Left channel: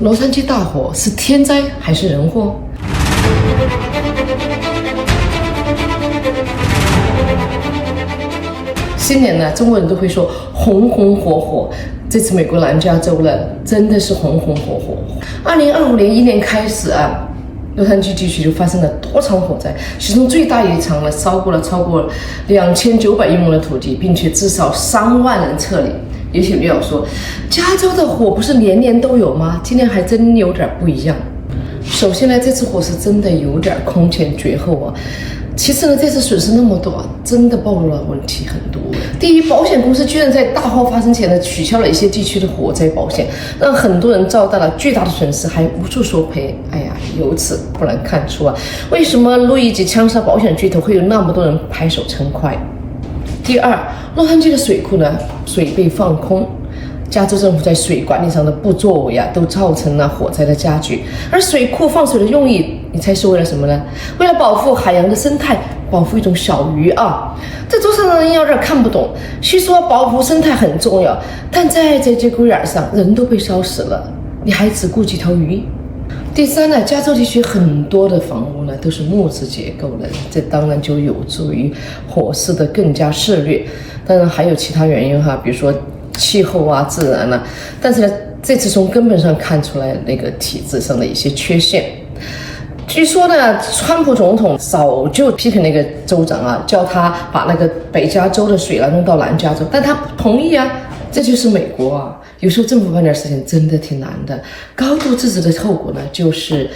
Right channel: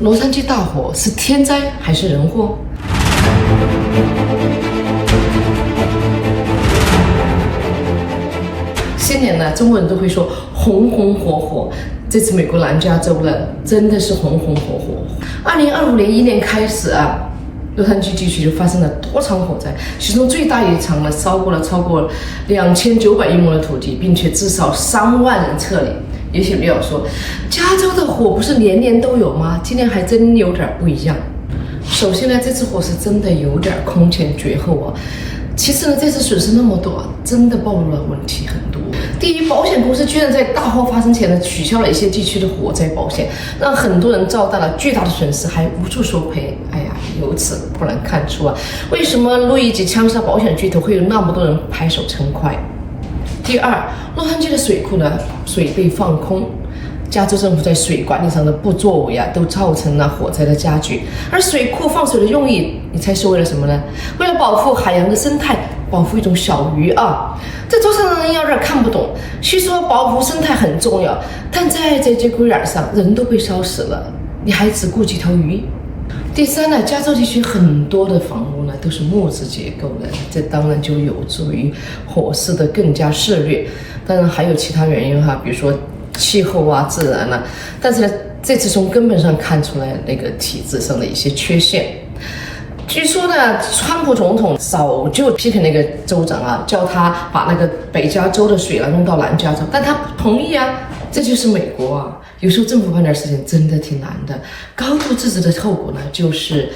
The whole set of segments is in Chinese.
洛杉矶大火是天灾还是人祸？新年呢，中国人都会说红红火火。这次美国南加州呢，真的是红红火火。2025年一年开始啊，洛杉矶地区就发生了多场火灾，其中最大一场呢，烧过了超过2900英亩的土地，并且至少3万人撤离。也许你要说，加州的火不是年年都有吗？今年还真有点不一样。首先呢，这次火是真的有点空前绝后啊。其次呢，这次损失那么多，真的暴露了问题很多。第一，保险公司居然在大火发生前呢，取消了一些地区的火灾保险，让很多人遭到了巨大的损失，还无处索赔。哎呀，由此不难看出啊，为什么路易吉枪杀保险巨头会有那么多人拍手称快。第二，洛杉矶的水库呢，水被放空。加州政府在水管理上的不作为啊，都造成了火灾的加剧。而水库放水的用意，你猜是为了什么呢？为了保护海洋的生态，保护一种小鱼啊。这桌上的人有点看不懂。虽说保护生态很重要，但在这节骨眼上，人都被烧死了，你还只顾几条鱼？第三呢，加州地区很多的房屋呢都是木质结构的，这当然就有助于火势的更加肆虐。当然还有其他原因哈，比如说气候啊、自然啊，但是呢，这次从根本上看出来那个体制上的一些缺陷。据说呢，川普总统早就批评那个州长啊，叫他把那个北加州的水弄到南加州，但他不同意啊。这就是美国啊，有时候政府办点事情真的挺难的。高度自治的后果呢，就是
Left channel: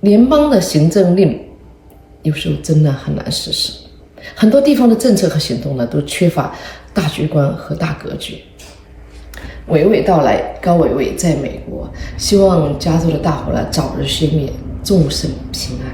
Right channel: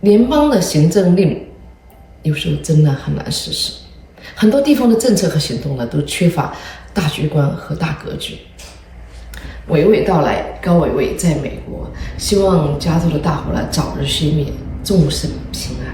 联邦的行政令有时候真的很难实施。很多地方的政策和行动呢，都缺乏大局观和大格局。娓娓道来，高伟伟在美国，希望加州的大火呢早日熄灭，众生平安。